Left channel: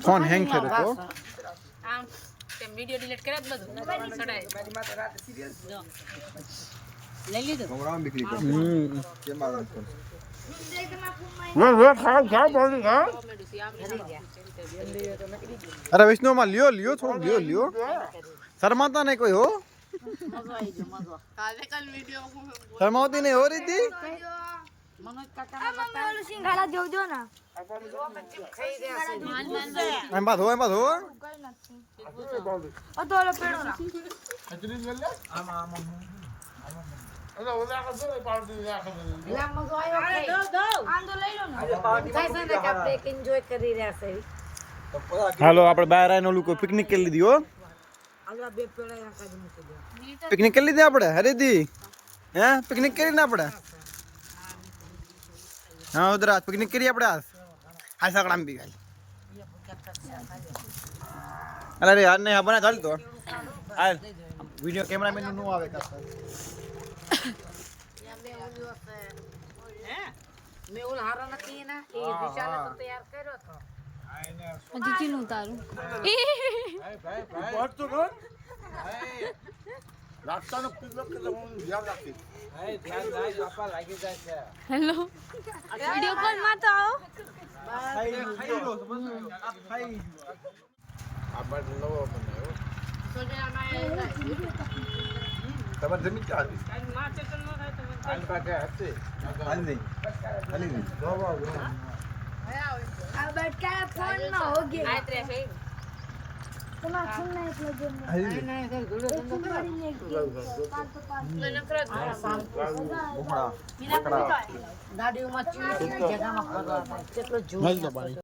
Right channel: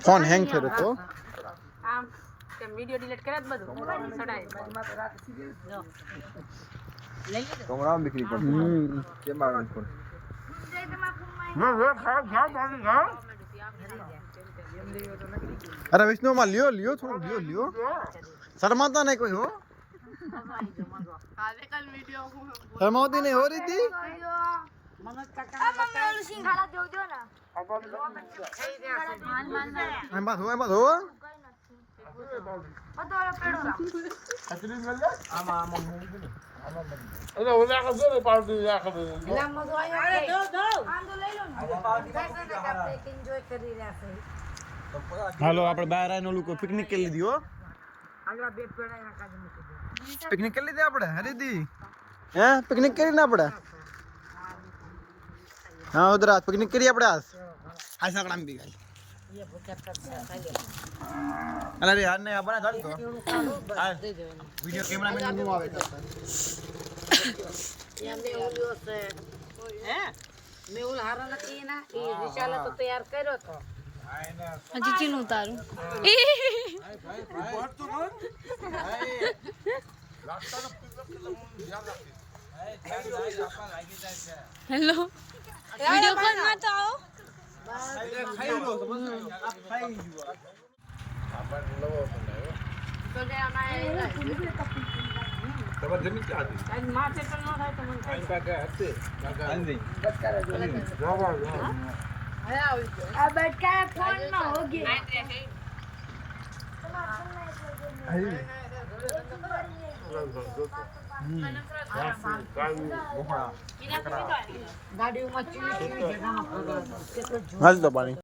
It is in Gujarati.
फोन हैंग करे तो આમ તેમ વિડિયો ડિલીટ કરે બધું સડાય મારી માતા રાત સિરિયસ લઈ લીધું કમરામાં બીકલી પડતી કેમ આગળ ફોન मैं खा खा बोल खा अरे विष्णु मां लियो लियो थोड़ा लियो लियो शर्माता नहीं कोई हो કાલે વિડિયો शर्माती नहीं हो रही थी મનોજ કાકાને બતાવ્યું સિંગાડા જોજો ને માલ માલ एम बात हो અદોરો પેડો अचरीज मिल ले आमा आमा अरे ओला का जोरे पार्टी या खबर લા મજો આયો અરે દો આંદો લઈ લો ને થાય છે ને કે આપણે એક એન્જોય કરી રહ્યા છે હાલો આપણે બહાર આવીને ઓલું કોઈ પિકનિક કરી લીધી હો આલા બે પેડા નાખા મૂકી દો પિકનિક કરી લીધી આપણે હરીદી હે પિકનિક કરી ને આપણે हाँ उधर आज पिकनिक करिए अपने आज हाय सकड़ाम भी गई अरे यार ने बना चाल तो वीडियो कैमरा मैन नो आवे करता મે ઓલ્યો છે હે મે ઓલ હારો નથી ના એ વિશાલે તો તૈયાર કર્યો તો હજી ચીનું તારું भाई बहुत तो कौन रास्ता नो ध्यान રાખી હેલો વિડિયો કોલ માં તો આવો તમારી જમીન ક્યાં હતી માથે તો ન થાય તો મને આની પાસે હશે આની જોવા જો આ બટકા ફોન માં હો ગયો દાડીઓમાં ચીવી જગામાં ફરવા કેટલો હાલ તો પાણી